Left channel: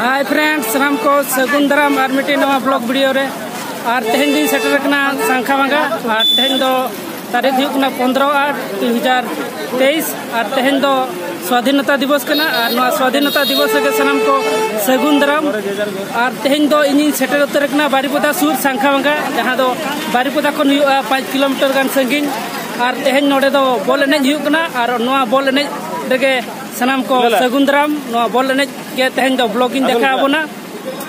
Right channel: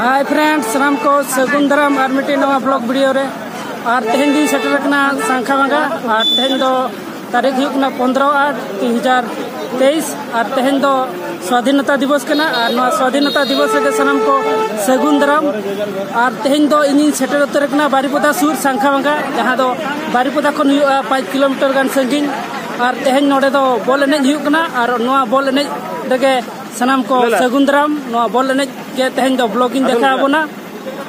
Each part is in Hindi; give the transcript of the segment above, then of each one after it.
हाय फ्रेंड्स, सामान को सगुन दाराम और मिट्टी नवा ब्लॉग वीडियो रे और तेहन दिन सेटर रखना सांखावांगा और तेहन दो तारीख हुकना 15/8/2023 और तेहन दो स्वाधीनता दिवस कना और नवा स्वाधीनता दिवस के सामान को सगुन दाराम और तेहन दो इन सेटर उतर रखना बारीपदा सुर सांखावांगा जहां दो बारीपदा खन 5 किलोमीटर गान संगिन और तेहन नोडे दो बॉल एनेज हुकना और नवा बॉल एनेज रेगे सानाम को सगुन दाराम नवा बॉल एनेज के तेहन दो ब्लॉगिंग देखा बोना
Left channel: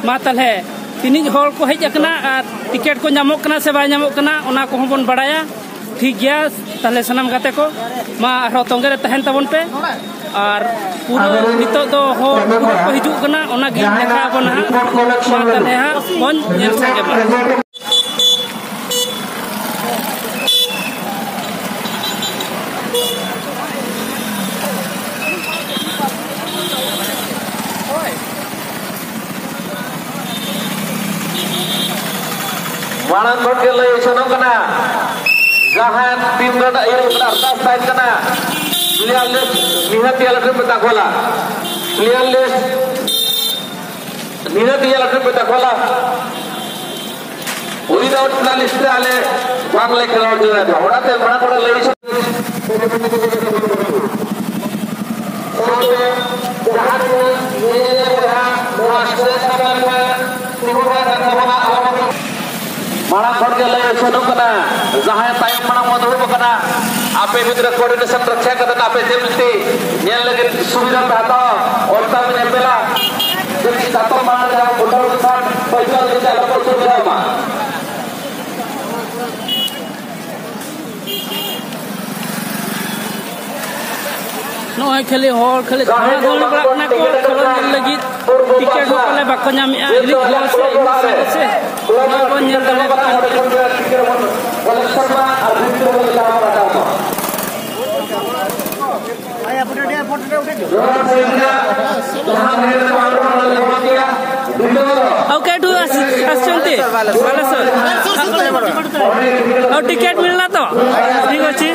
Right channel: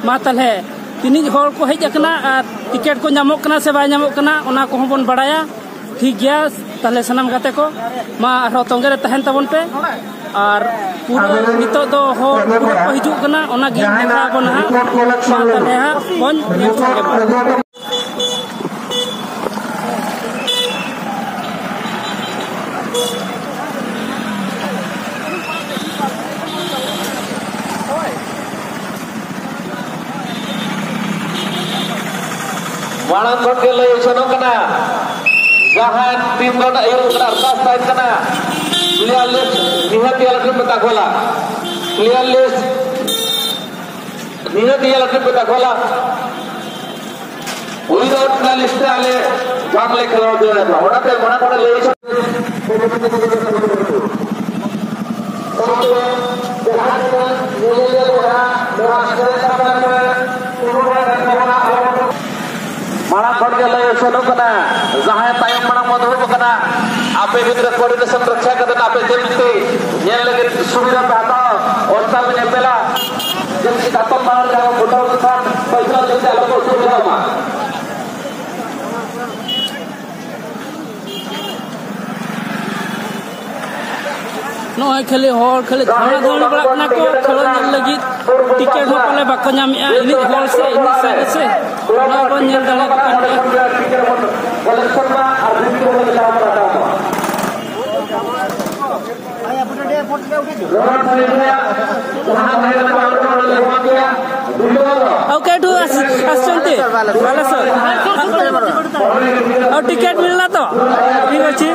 मा तले तीन हर को हेज अकना और टिकेट को नामोक कना से बाय नामोक कना ओना को बन बड़ाया ठीक गया तले सानाम गाते को मा आरो तोंगे रे तहन तबन पे और पूरा नितो दो हर पूरा को हिजू कना ओना गे देखा बोना मा तले हा बन नेल संगे बा Walang kau lay sono kena, jahan tim rada iru kena artas side kena, player list nihat dia lalu petak bola, player list nihat dia lalu petak bola, without na list ale, jang lay kena dia, orang te mana kau lay Marang korja lay sono kena, jahan tayang marang modul kena, ape gitra coordination रक्षा करते ना ape जल्दी ये लगे सुविधा करता और तब ये चला जब जाता मार रहा है उधर उधर पैसा लेते आप को सुविधा मार नो है खेले हॉल खेले खाना बोल बड़ा ना को खेलो लगी टिकेट हो पले बाको नाम इली हो से ना को नेल दे आया फोटो दे ओके टू आसचंती बालेश्वर और टिकेट मिलना तो ठीक अछि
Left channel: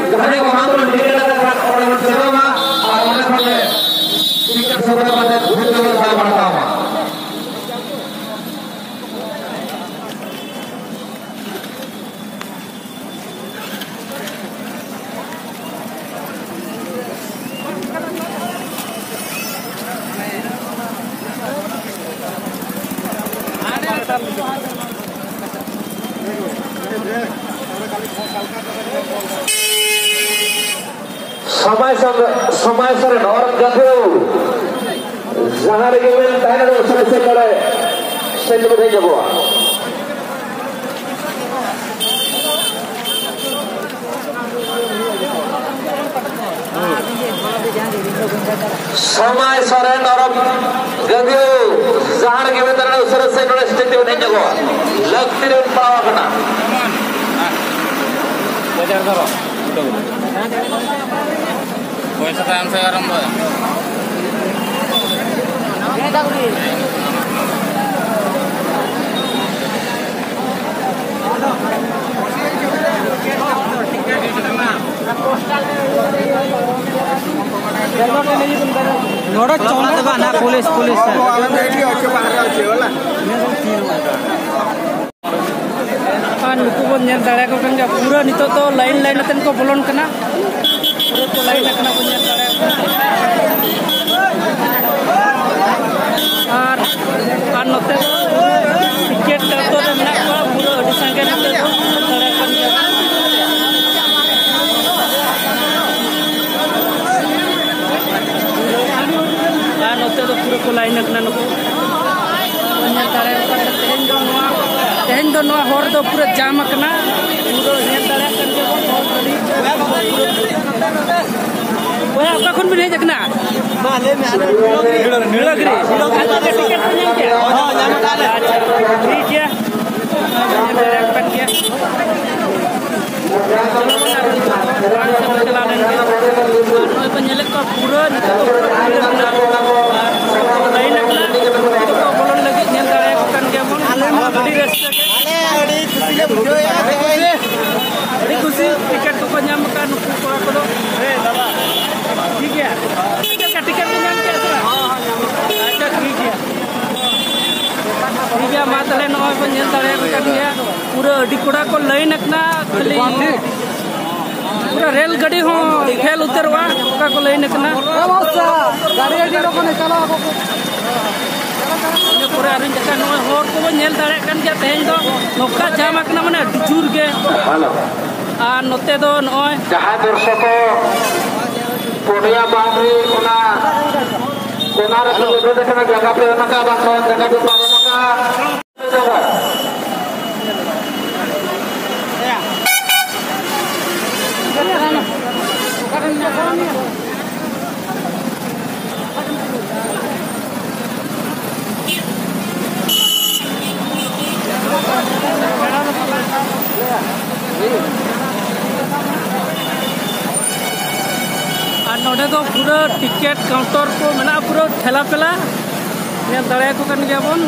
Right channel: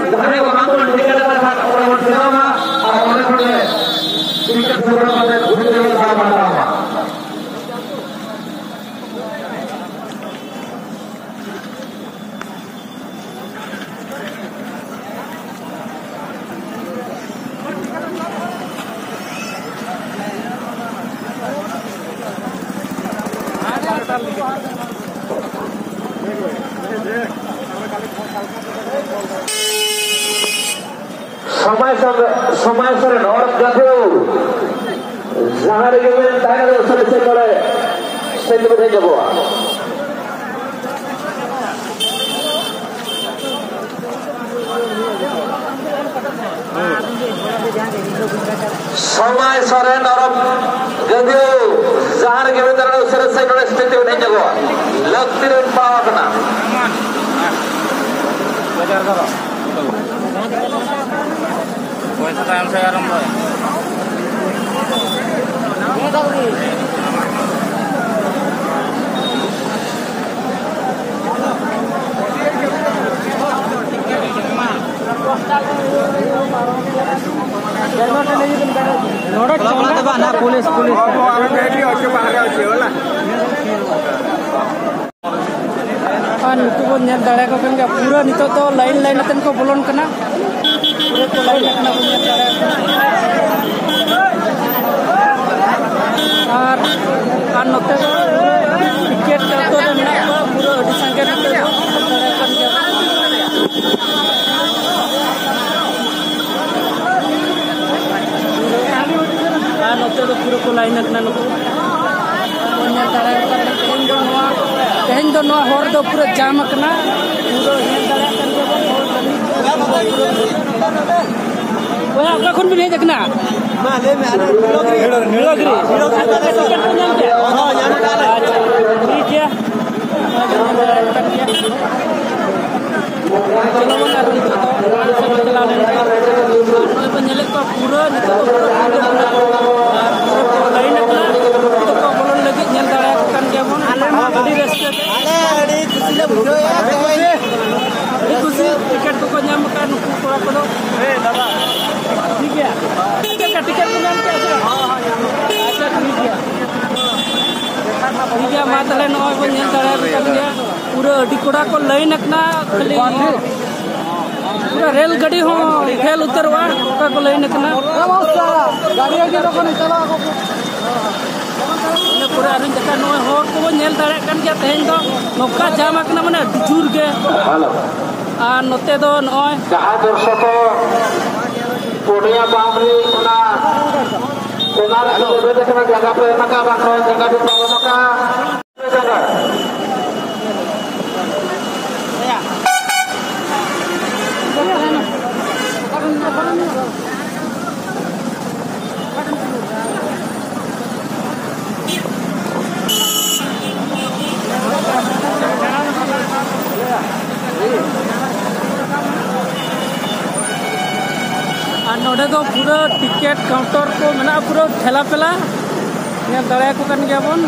समय सर नौरत जाते हो जहाँ लगे हुए टाइम में उसे करे से तो नहीं जब समय सर नौरत जाते हो जहाँ लगे हुए टाइम में उसे करे से तो नहीं जब लगती है पावा करना Voy a sacar en serio rumbo. ¿Qué tal aquí? ना पुलिस नुकु बन नेल दाड़ा को कन पूरा नितो तो लाइन अतन को बोलन कना पूरा को लाइन अकना बन नेल दाड़ा और नोते तो टिकेट तो मेना को पूरा अडी संगे नोते तो दाड़ा कन नोते तो पूरा को लाइन अकना नुकु बन नेल दाड़ा का तेहन दो नवा हर दो पूरा जाम करना पूरा नेल दाड़ा कन के बन हॉल गली ओया आपका कौन भी नहीं देखना मा ले में नीलगिरी टिकट पे नाम क्या हां नाम ठीक है नेल दाड़ा कन के चलो बना रही तो orang से चला लेने नोय पे नेल को पूरा नितो और लाइन लगला तो बोलन लगी नेल दाड़ा कन के बन बड़ी रास्ता के अरे खुशी ले बुझो यार अरे खुशी टिकट को नाम का नुकु कोड़ा को ठीक है अच्छा टिकट को नाम क्या है हां अच्छा ठीक है मा तले नॉय बन नेल दाड़े कदिया पूरा अडी कोड़ा को लाइन अपना खाली पूरा रेल गाड़ी हो फेल उतरवा ओका को लाइन अपना गाड़ी अडी को निकला ने पूरा अरिन जका नॉय होर को बन नेल दाड़े कन गया तेज दो नोका जाम अपना माने अडी जुर के आ नोते दो नॉय जहां दर्शक पुनिया बामरी ओना कोनार से जो देखना जगह पे मका बाको जगह पे मका नोडे दो पूरा टिकेट काउंटर को मेना पूरा ठेला पेला नेल दाड़े को कन गया बन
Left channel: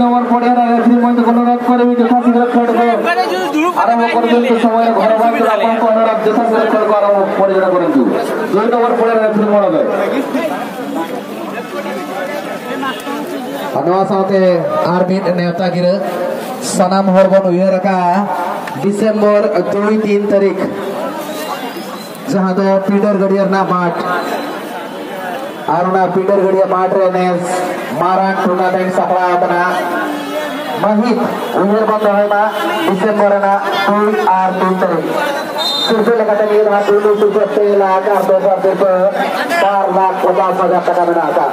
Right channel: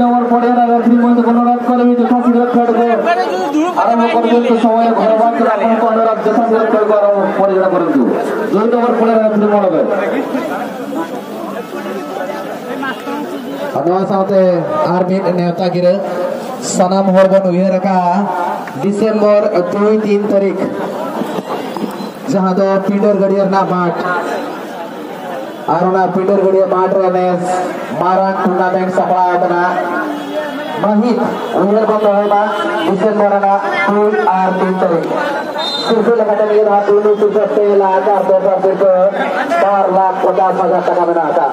नंबर पड़े अनुरोध कर आरंभ कर समय घर परिचालन करूँ जो नंबर पड़े नेता गिरा सानाम हर बन उहर डिसेम्बर 2-3 तारीख जहाँ दो पीटर गड़िया बाट और पीटर गड़िया बाट रे मारान टूर्नामेंट सपड़ा महित उहर बन डिसेम्बर 2 और 3 तारीख survei lekatan ini adalah dulu survei lagar 4,50,000 taka menaka.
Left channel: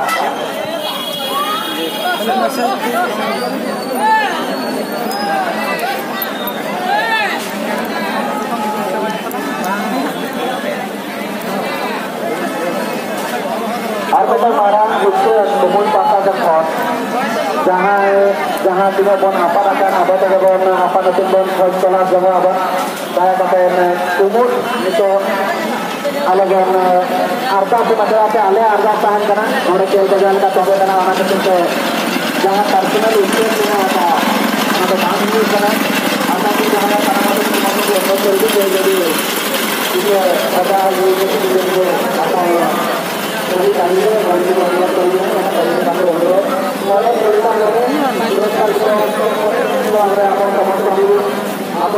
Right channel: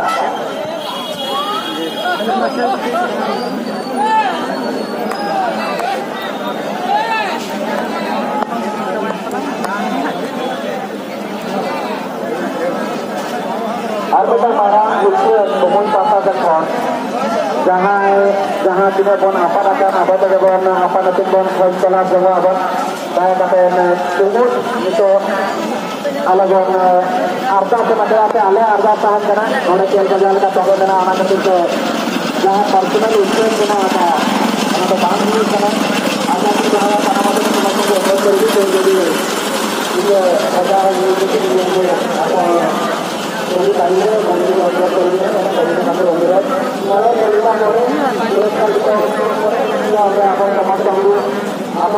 Arbiter marang itu umum tata jempol. Jangan tidak bon apa ada bon apa nanti bon konselah jaga ada. Saya kata ini अलग अर्धा से मतलब आपके अलग अर्धा पान करना और तेल का जल का पकड़ करना आना तो जहाँ पर्सनल स्पेस देना आता है तो काम नहीं करना आधा भी जहाँ करना तो हम लोग बहुत जल्दी कोई जल्दी ये अच्छा ये जो आता है तो ये कार्य है गाड़ी को अलग कर देना है कार्य का काम होने वाला वाला कोई काम होने एक साल को हमारे आप समझते होंगे आप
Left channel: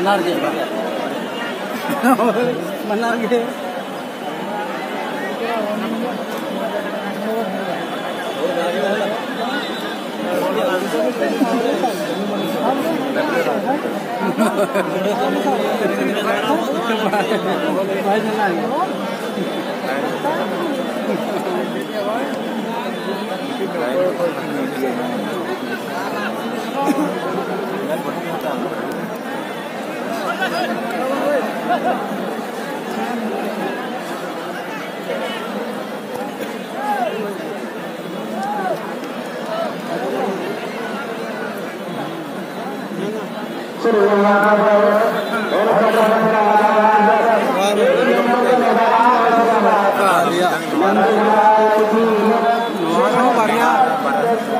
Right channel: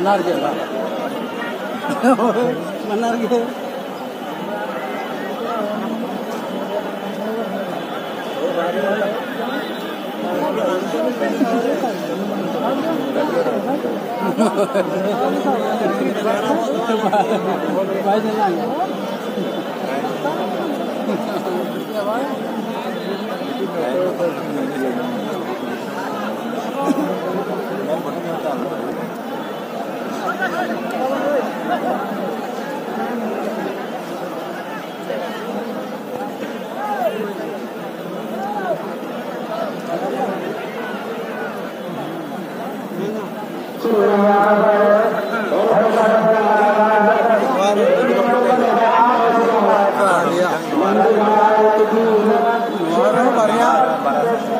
Benar ge, Pak. Benar ge.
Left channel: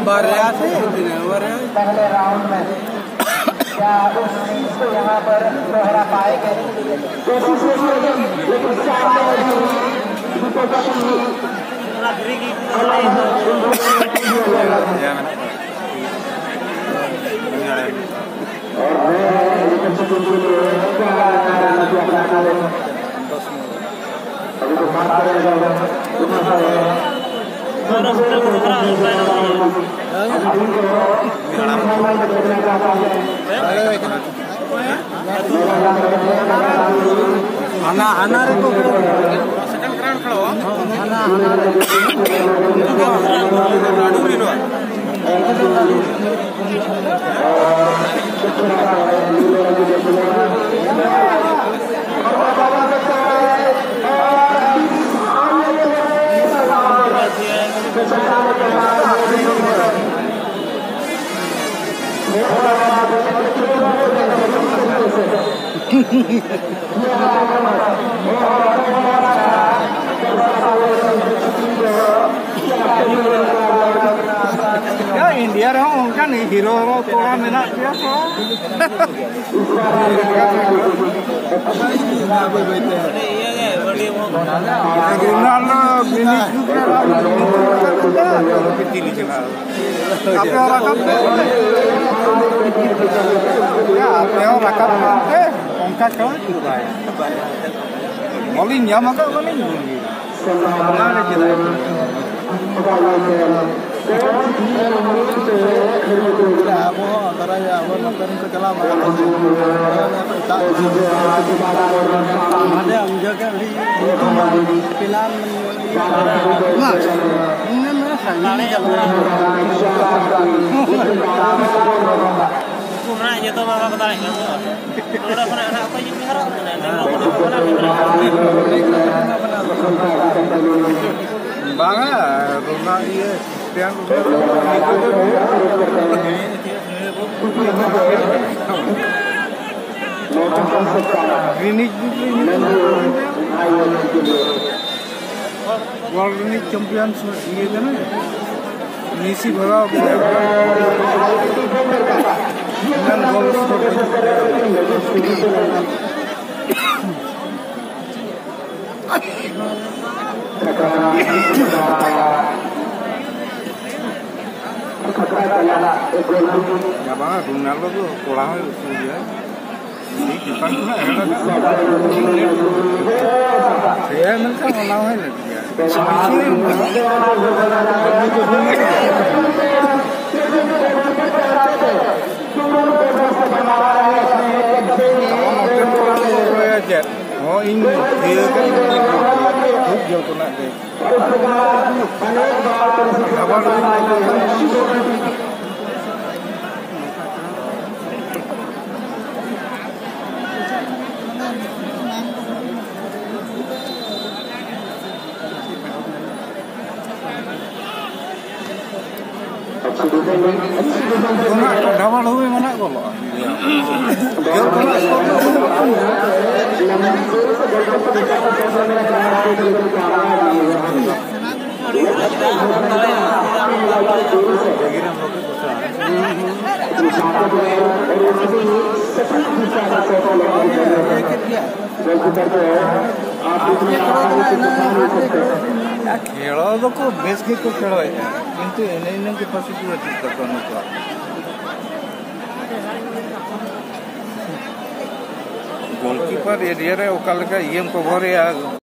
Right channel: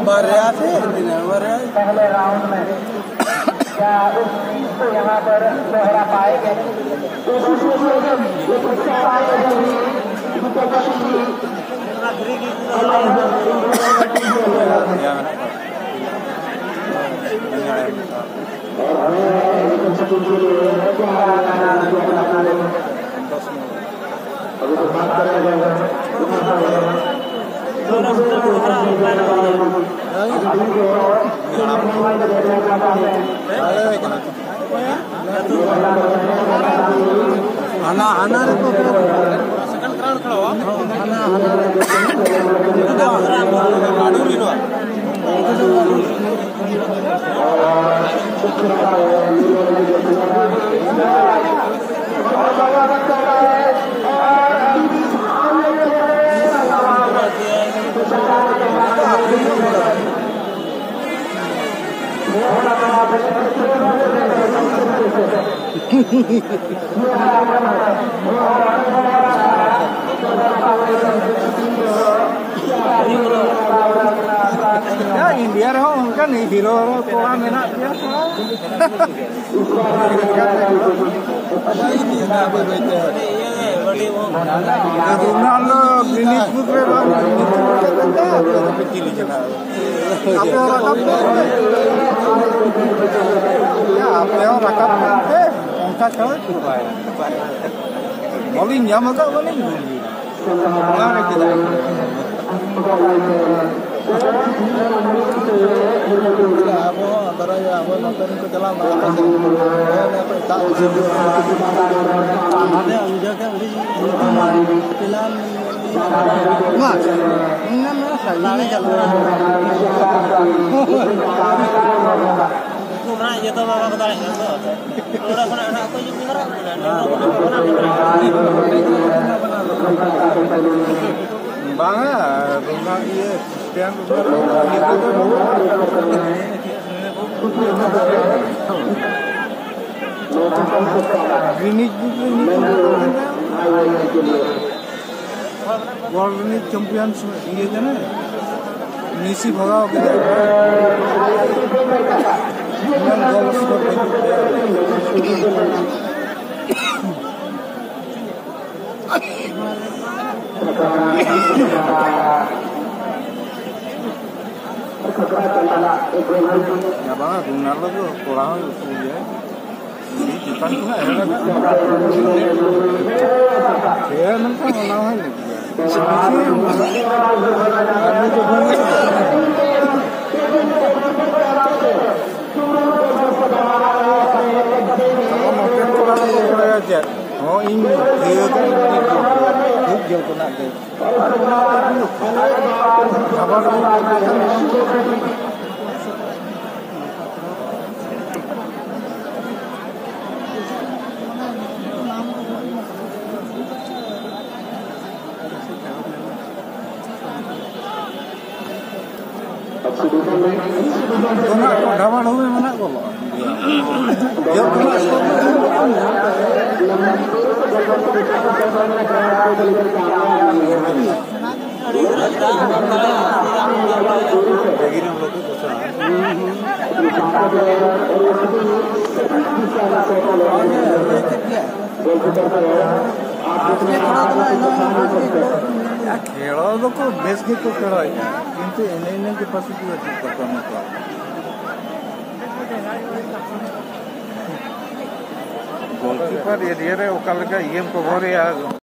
barya sih, tidak barya. Anak-anak itu sekarang keren kalau anak-anak ya India dong kan hero tora menak dia so Bangga, rumah iya, tiang world champion ये जाने मेसी भगाओ ya bang, Ronaldo tuh kurang ya. Ini Jepang tuh saya mereka ngelawan ya. Kalau nonton kurang tuh aja. Oh ini dia kan ini खूब जल को ना दे ढाबा ढोबे मना बोलो जल को ना बेस को खेल किंतु इन कैपेसिटी गोलकीपर एरिया रे ओका लगा कवर